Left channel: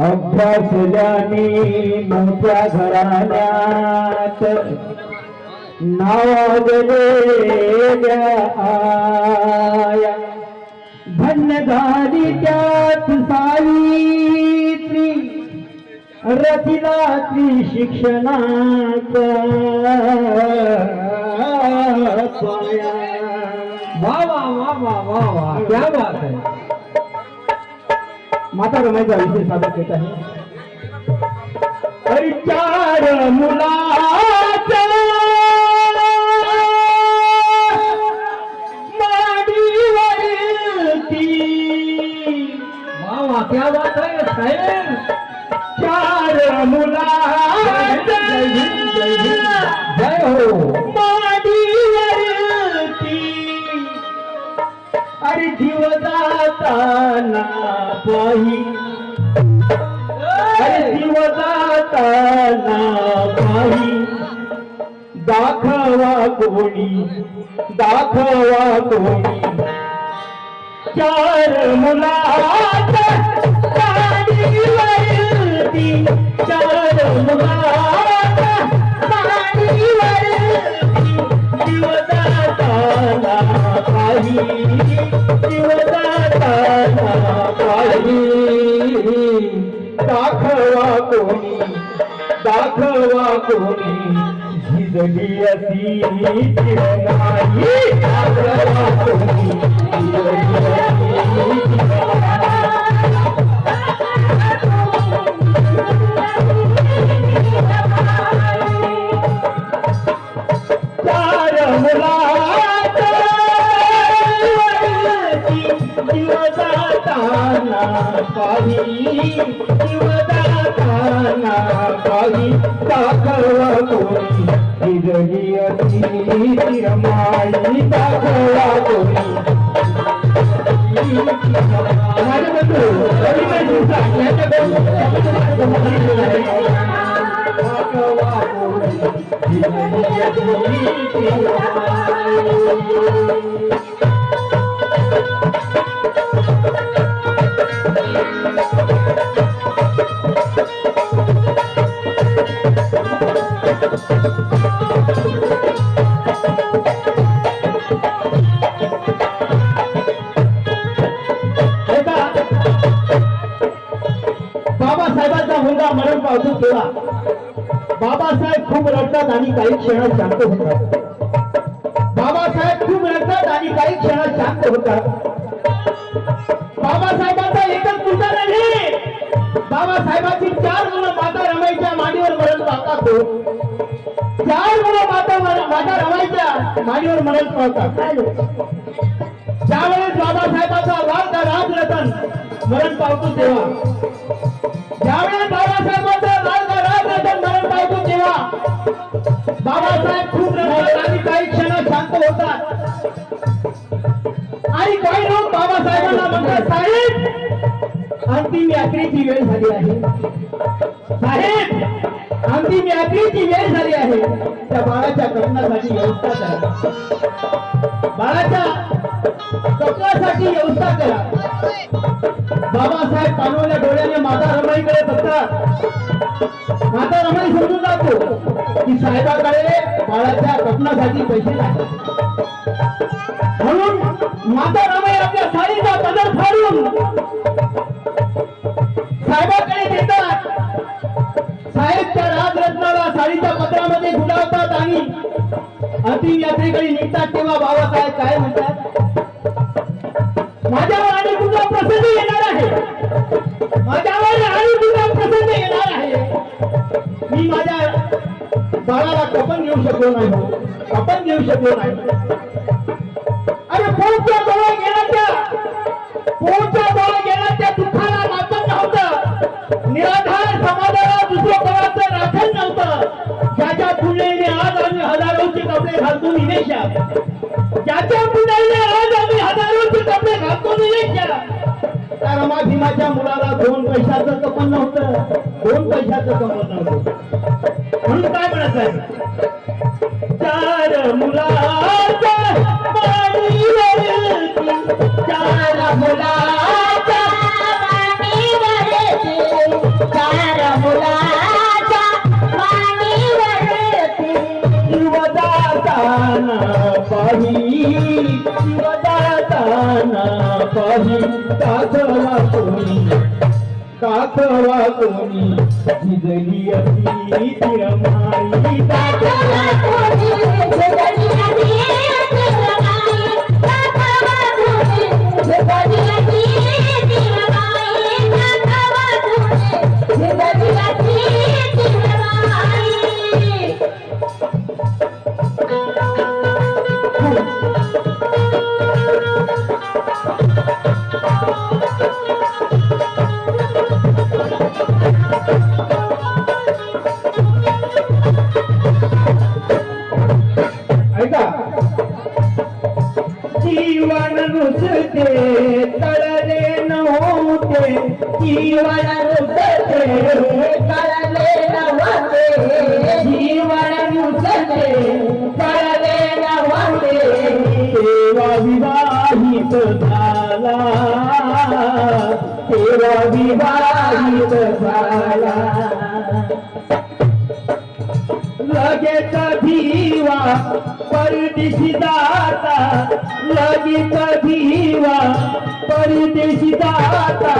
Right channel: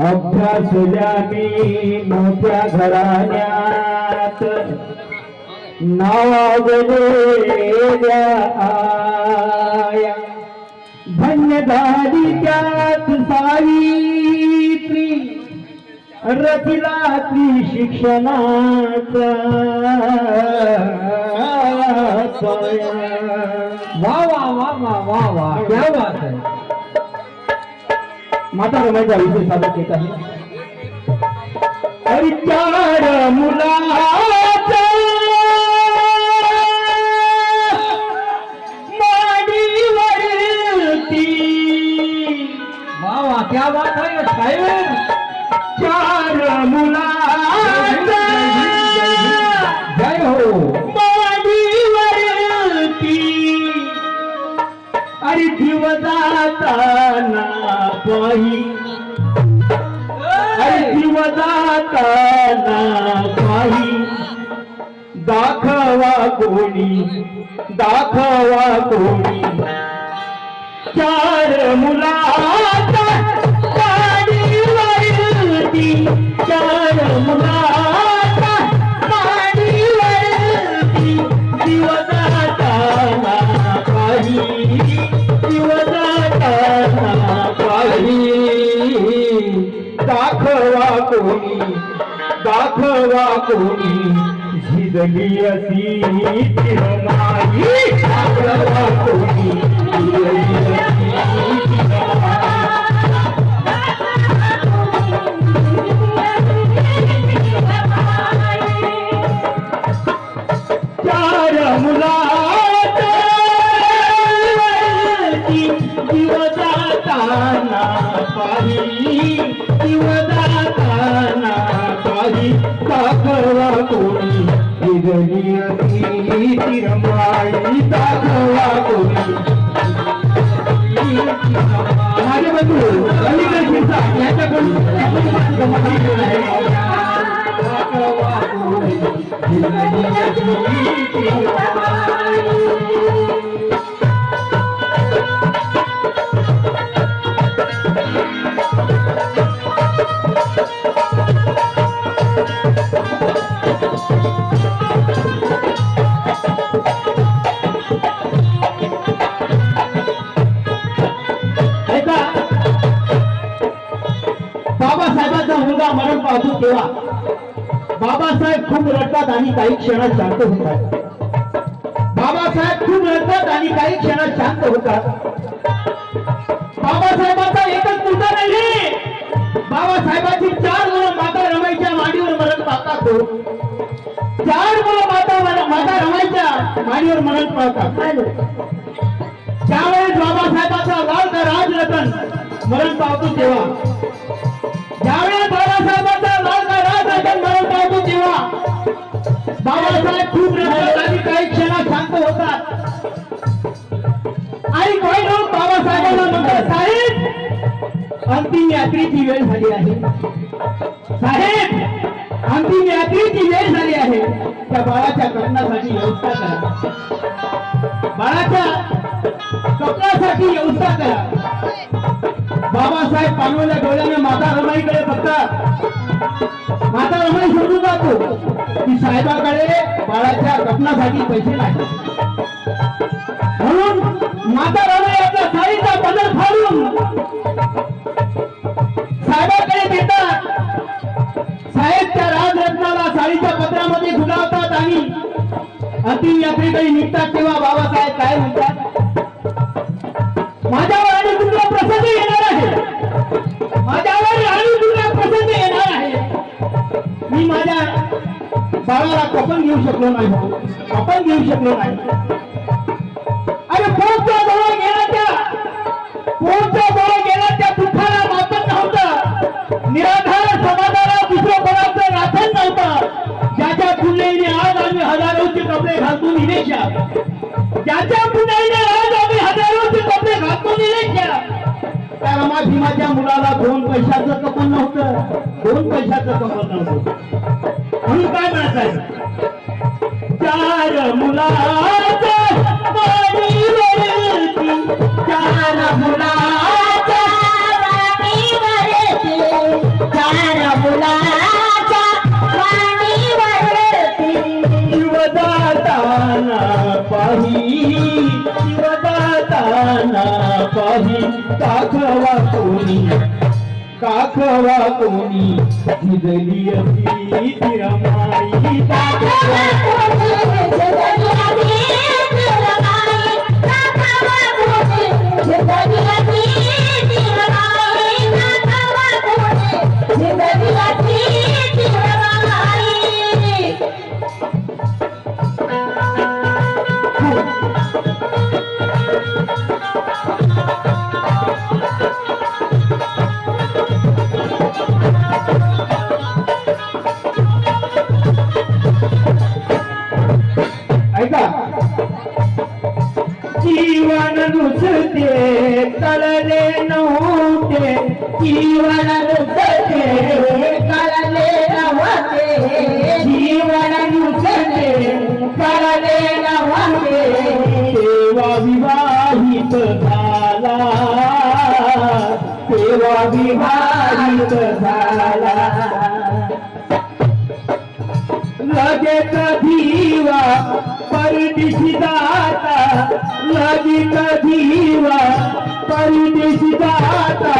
अभ्यासल्या मी मोठ्या घराण्यात नावाजले आया धन्य झाली त्यात सावित्री रचिला ती शिक्षणाचा पाया। वा वा वा वा वा वा क्या बात है। माता रमाईचा विषय सादर केला आहे। अरे चार मुलाचा माडीवरती वा वा क्या बात है साहेब। चार मुलाचा जय हो माडीवरती अरे जीव जाताना पाही जीव जाताना पाही दाखवा कोणी चार मुलाचा माडीवरती चार मुलाचा माडीवरती जीव जाताना पाही जीव जाताना पाही दाखवा कोणी झिजली असी चिरमाई दाखवा कोणी झिजली असी चार मुलाचा जीव जाताना पाही जीव जाताना पाही दाखवा कोणी झिजली असी चिरमाई दाखवा कोणी माझे बंधू रवींद्र शिरसाट यांच्याकडून दाखवा कोणी झिजली असी चिरमाई। बाबासाहेबांचा मुलगा मरण पावतो तेव्हा बाबासाहेब खूप रडतात आणि काही क्षणात शांत होतात। बाबासाहेब खूप रडतात आणि काही क्षणात शांत होतात। बाबासाहेबांचा एकच मुलगा नाही, बाबासाहेबांची 4 मुलं माता रमाईच्या मांडीवर मरण पावतात। 4 मुलं माता रमाईच्या मांडीवर मरण पावतात। ज्यावेळेस बाबासाहेबांचा लाडका राजरतन मरण पावतो तेव्हा ज्यावेळेस बाबासाहेबांचा लाडका राजरतन मरण पावतो तेव्हा बाबासाहेब खूप रडतात आणि काही क्षणात शांत होतात। आणि काही लोक बाबासाहेबांना म्हणतात, साहेब अंतिम यात्रेची वेळ झाली आहे, साहेब अंतिम यात्रेची वेळ झाली आहे, त्या बाळाच्या कपनासाठी व्यवस्था करा, बाळाच्या कपनासाठी व्यवस्था करा। बाबासाहेब पाणवल्या डोळ्याने माता रमाईकडे बघतात। माता रमाई समजून जातो की साहेबाकडे बाळाच्या कपनासाठी पैसे नाही, म्हणून माता रमाई आपल्या साडीचा पदर फाडून साहेबाकडे देतात। साहेब त्या राजरत्नाला साडीच्या पदरामध्ये गुंडाळतात आणि अंतिम यात्रेकडे निघतात। तेव्हा बाबासाहेब काय म्हणतात, माझ्यावर आणि तुझा प्रसंग येणार आहे, माझ्यावर आणि तुझा प्रसंग येणार आहे। मी माझ्या बाळाला कपन घेऊ शकलो नाही, कपडे घालतो निलेशा, ज्याच्या पुण्याला आज आम्ही हजारोचे कपडे घालतो निलेशा, त्या रमा भीमाच्या मुलाला 2 पैशाचं कपन नव्हतं, 2 पैशाचं कपन नव्हतं. म्हणून काय म्हणायचं, 4 मुलाचा वाणीवरती, 4 मुलाचा वाणीवरती, 4 मुलाचा वाणीवरती, शिवदाताना पाही, शिवदाताना पाही, काखवा कोणी, काखवा कोणी, भिजली अशी तिरमाई, काखवा कोणी, भिजली अशी तिरमाई, काखवा कोणी, भिजली अशी तिरमाई, काखवा कोणी, भिजली अशी तिरमाई. ऐका, जीवन नुसते कळले नव्हते, जीवन नुसते कळले नव्हते, जीवन नुसते कळले नव्हते, तेव्हा विवाहित झाला, तेव्हा विवाहित झाला. लगेच धीवा परदेशी जाता, लगेच धीवा परदेशी जाता,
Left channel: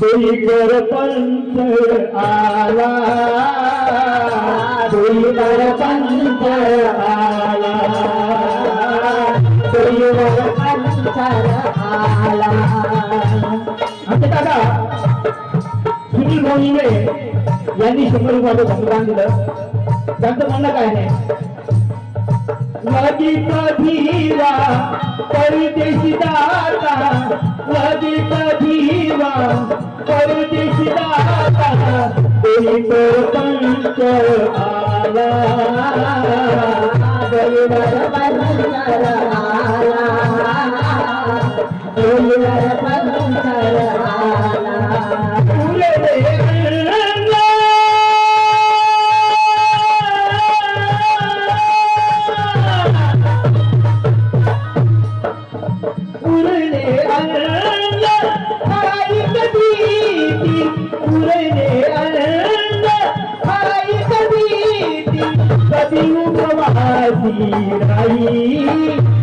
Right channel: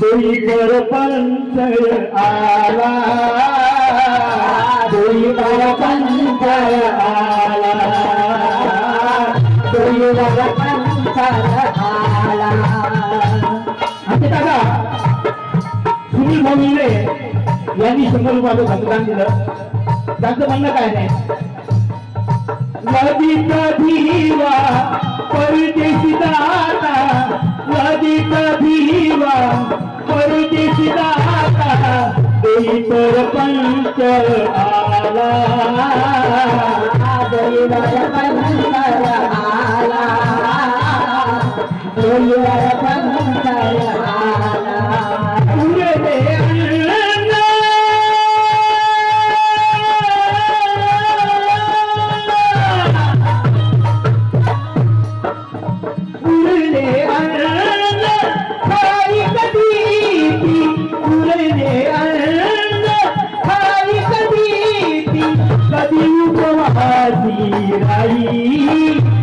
देईवर पंच आला, देईवर पंच आला, देईवर पंच आला. आता दादा सुनील भाऊने यांनी 100 रुपयाचं मतदान दिलं. त्यांचं म्हणणं काय नाही, लगीच धीवा परदेशी जाता, लगीच धीवा परदेशी जाता, देईवर पंच आला, देईवर पंच आला, देईवर पंच आला. कधी उपवासी राही,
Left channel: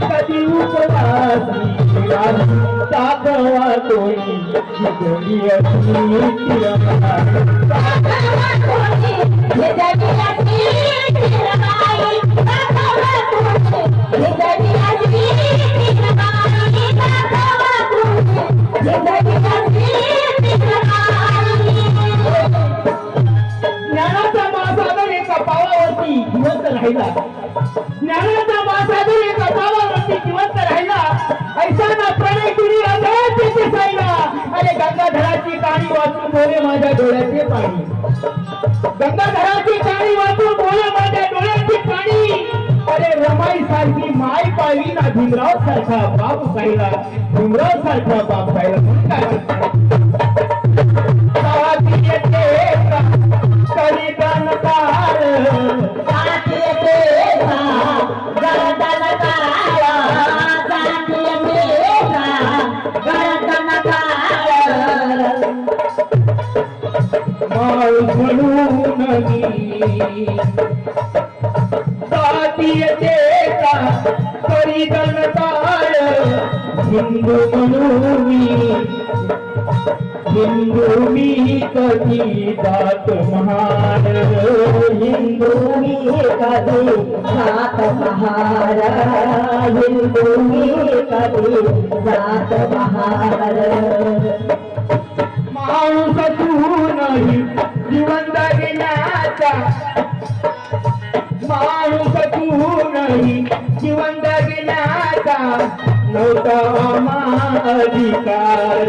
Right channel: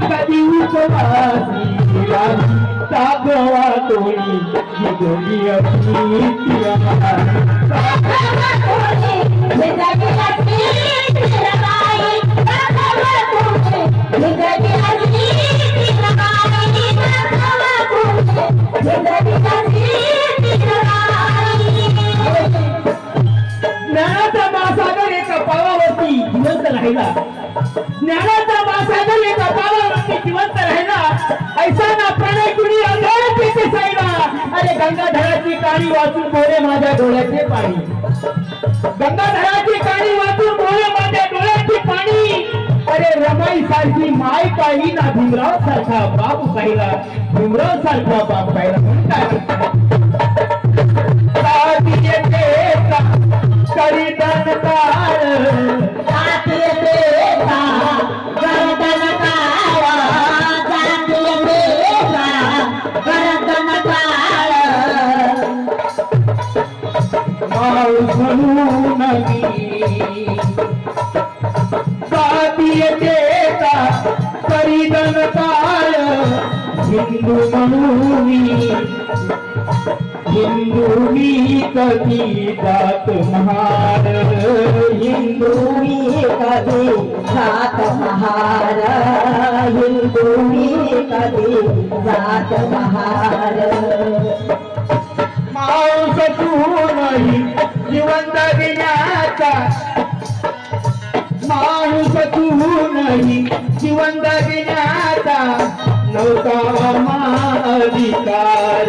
कधी उपवासी राही, काखवा कोणी, भिजली अशी तिरमाई, काखवा कोणी, भिजली अशी तिरमाई, काखवा कोणी, भिजली अशी तिरमाई, काखवा कोणी, भिजली अशी तिरमाई. ज्ञानाचा महासागर एका पावावरती जिवंत राहिला, ज्ञानाचा महासागर एका पावावरती जिवंत राहिला, ऐसा ना प्रणय कुणी अगाध दिसायला. अरे गंगाधराची काळी वाचून बोले माझ्या डोळ्याचे पाणी, गंगाधराची काळी वाचून बोले माझ्या डोळ्याचे पाणी. अरे रमाई सारखी माय पाहिली ना, भीमराव सारखा बाप पाहिला, भीमराव सारखा बाप पाहिला. म्हणून काय करीतन काळ, गरदन काळ, गरदन काळ, माणूस म्हणून मी साथीयते का करीतन काळ, हिंदू म्हणून मी, हिंदू मी कधी जात महार, हिंदू मी कधी जात महार, हिंदू मी कधी जात महार. मांस तू नाही जिवंत विनाचा, मांस तू नाही जिवंत विनाचा, नव्हता आम्हा अधिकार,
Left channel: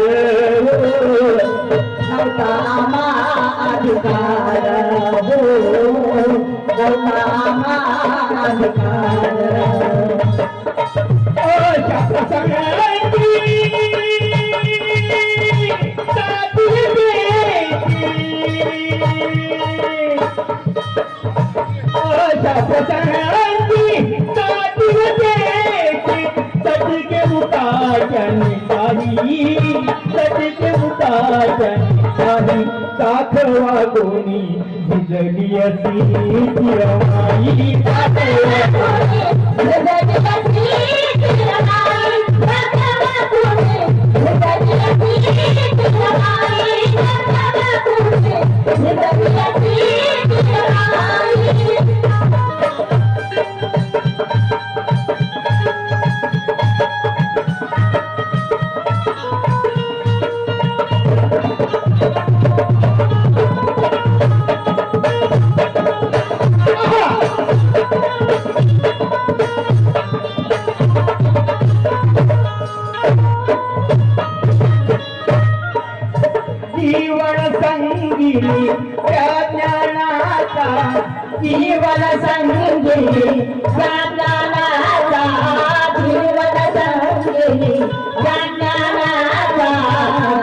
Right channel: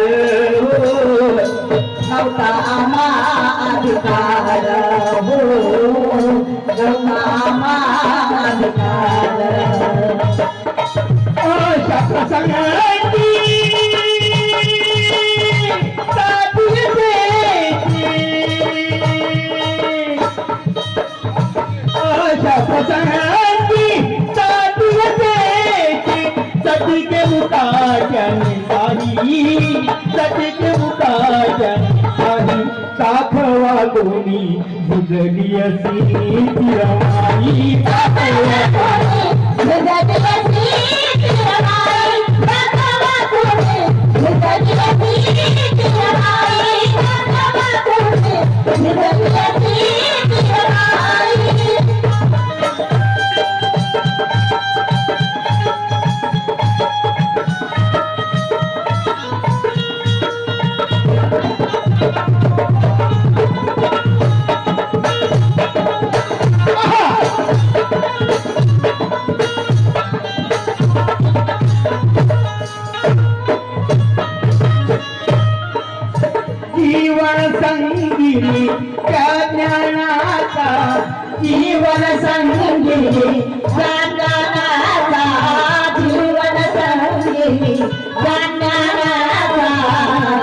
नव्हता आम्हा अधिकार, नव्हता आम्हा अशा प्रसंगाची साथी द्यायची. अशा प्रसंगाची साथी द्यायची. सटिके मुकाट्याने काही सटिके मुकाट्याने काही साखवा कोणी भिजली असी तिरमाई. जीवन संगीनी त्या ज्ञानाचा जीवन संगीनी त्या ज्ञानाचा जीवन संगीनी त्या ज्ञानाचा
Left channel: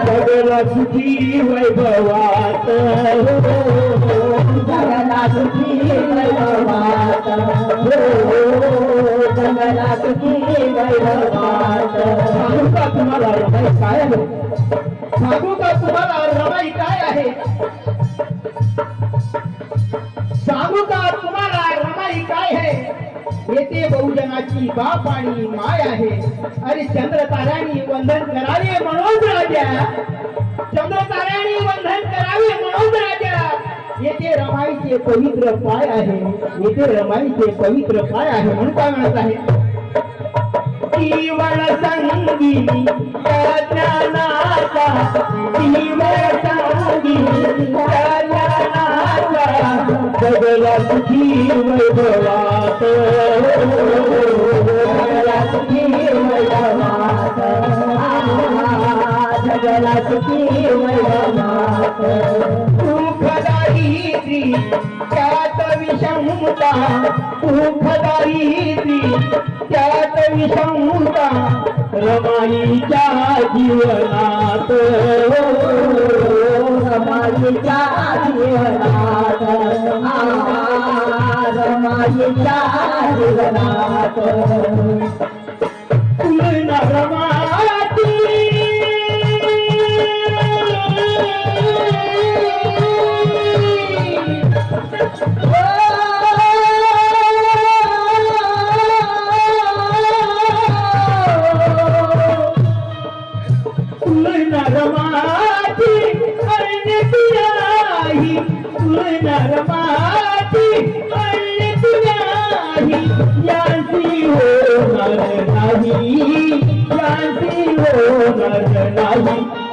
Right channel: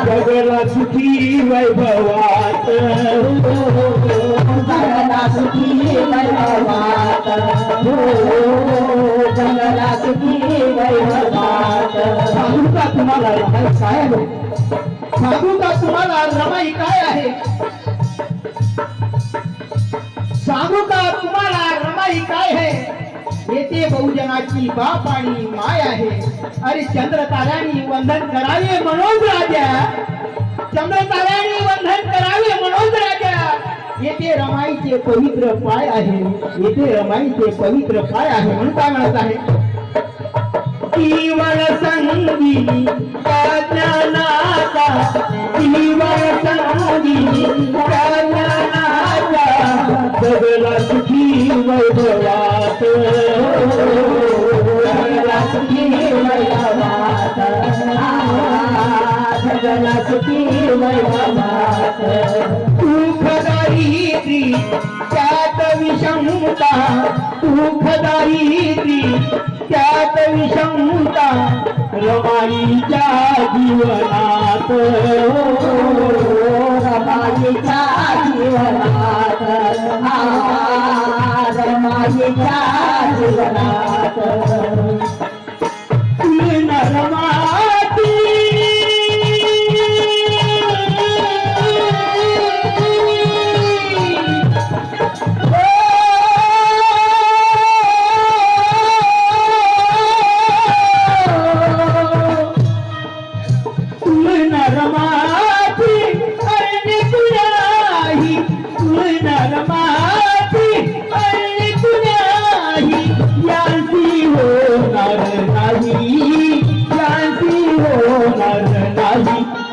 जगला सुखी वैभवात जगला सुखी वैभवात जगला सुखी वैभवात. सांगू का तुम्हाला रमाई काय आहे? सांगू का तुम्हाला रमाई काय आहे? सांगू का तुम्हाला रमाई काय आहे? येथे बहुजनाची बाप आणि माय आहे. अरे चंद्र ताऱ्यानी वंदन करावे म्हणून राजा, चंद्र ताऱ्यानी वंदन करावे म्हणून राजा. येथे रमाईचे पवित्र पाय आहे, येथे रमाईचे पवित्र पाय आहे. म्हणून काय म्हणत आहे? जीवन संगीनी त्या ज्ञानाचा जीवन संगीनी त्या ज्ञानाचा जगला सुखी वैभवात जगला सुखी वैभवात जगला सुखी वैभवात. दुःखदारिद्री त्यात विषमता दुःखदारिद्री त्यात विषमता रमाईच्या जीवनात रमाईच्या जीवनात रमाईच्या जीवनात तुलना रमाती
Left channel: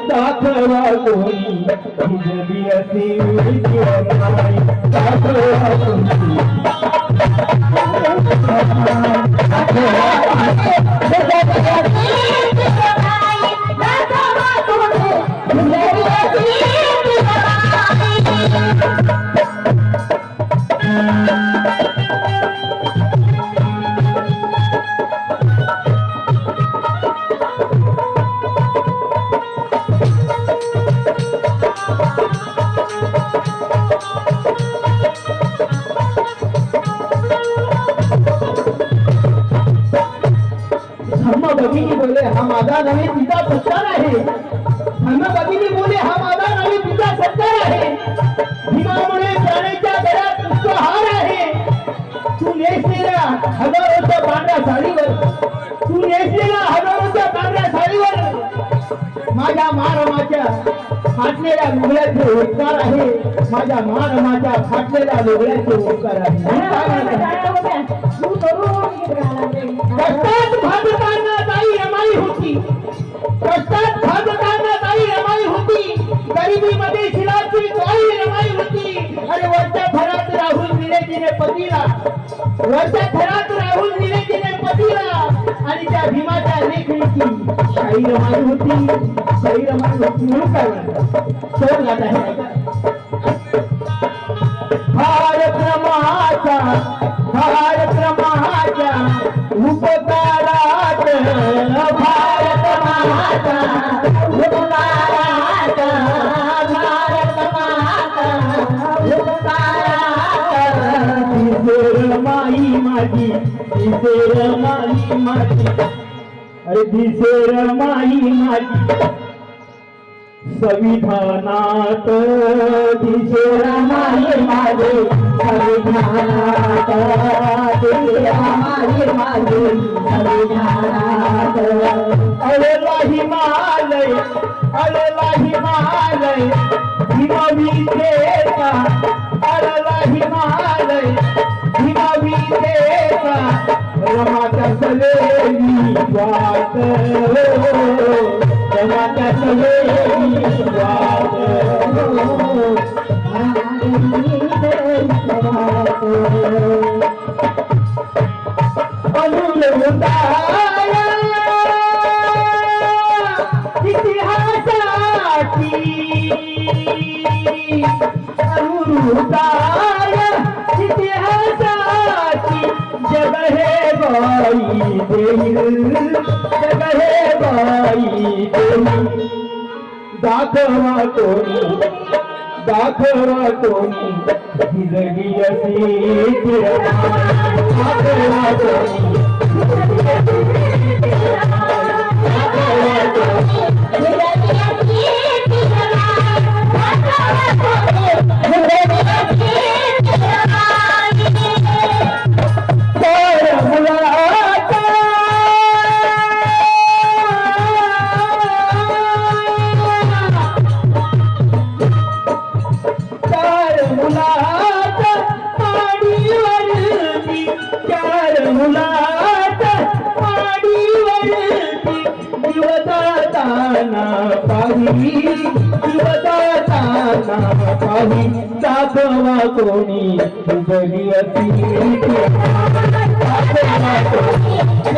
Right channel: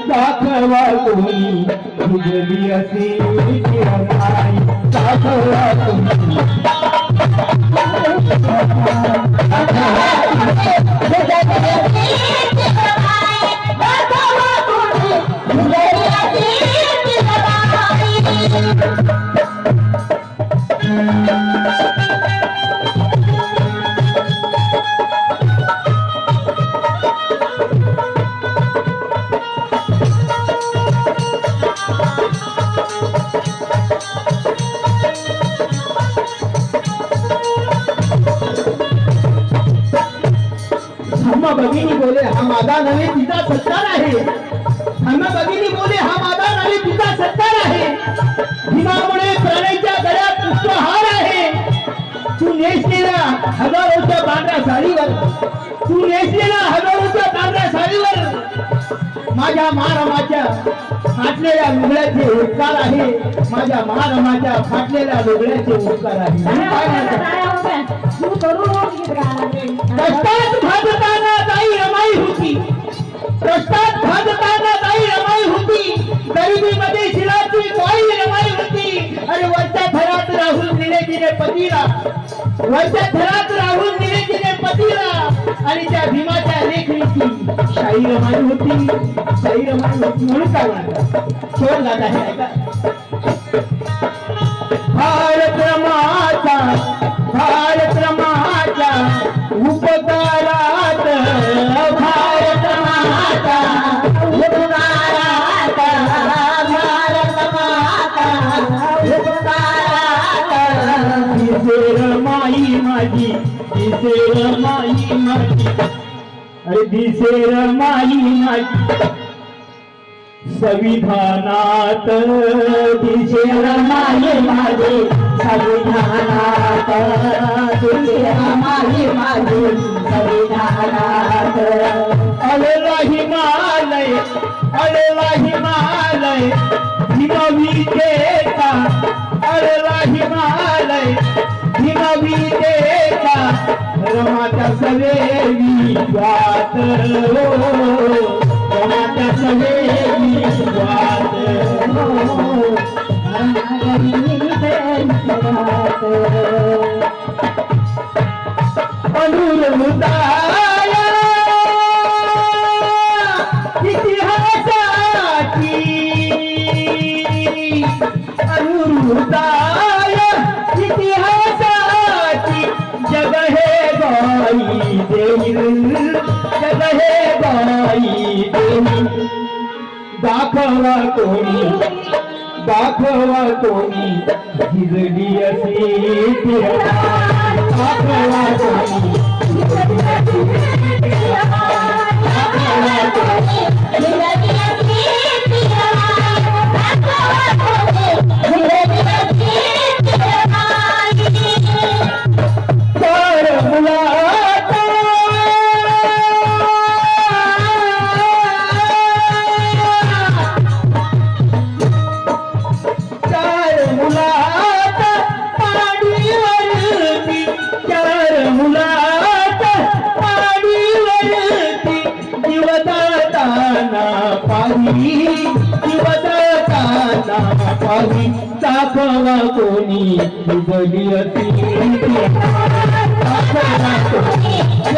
दाखवा कोणी भिजली असे तिरमाई. दाखवा कोणी भगिनी बोले हा माझा नव्हे तिचा सत्कार आहे. धम्म भगिनी बोले हा माझा नव्हे तिचा सत्कार आहे. भीमामुळे प्राण्याच्या गळ्यात पुष्पहार आहे. तू नेसलेल्या हजारोच्या पांढऱ्या साडीवर तू नेसलेल्या हजारोच्या पांढऱ्या साडीवर माझ्या महारामाच्या फाटलेल्या लुगड्याचे उपकार आहे. माझ्या महारामाच्या फाटलेल्या लुगड्याचे उपकार आहे. कष्टात भाजताना ताई रमाई होती, कष्टात भाजताना ताई रमाई होती. गरिबीमध्ये शिराची ताई रमाई होती. आणि वरच्या थरात राहून दिले तिने पतीला, वरच्या थरात राहून दिले तिने पतीला. आणि त्या भीमाच्या लेखणीची शाही रमाई होती, शाही रमाई होती. म्हणून काय म्हणतात शेवट गात आहे नाही का? भारत रमाचा भारत रमा दिसेर माई माझी अरे दिसेर माई माझी संविधानात दिसेर माई माझी संविधानात दिसेर माई माझी संविधानात अलेला हिमालय अलेला हिमालय हिमवीतेचा अलेला हिमालय हिमवीतेचा रमाच्या सवेवी वात रमाच्या सवेवी वात अनुलुदाय इतिहासाची अनुलुदाय इतिहासाची जग हे बाई देईल जग हे बाई देईल दाखवा कोणी जिजडी अशी दाखवा कोणी दाखवा कोणी जिजडी अशी दाखवा कोणी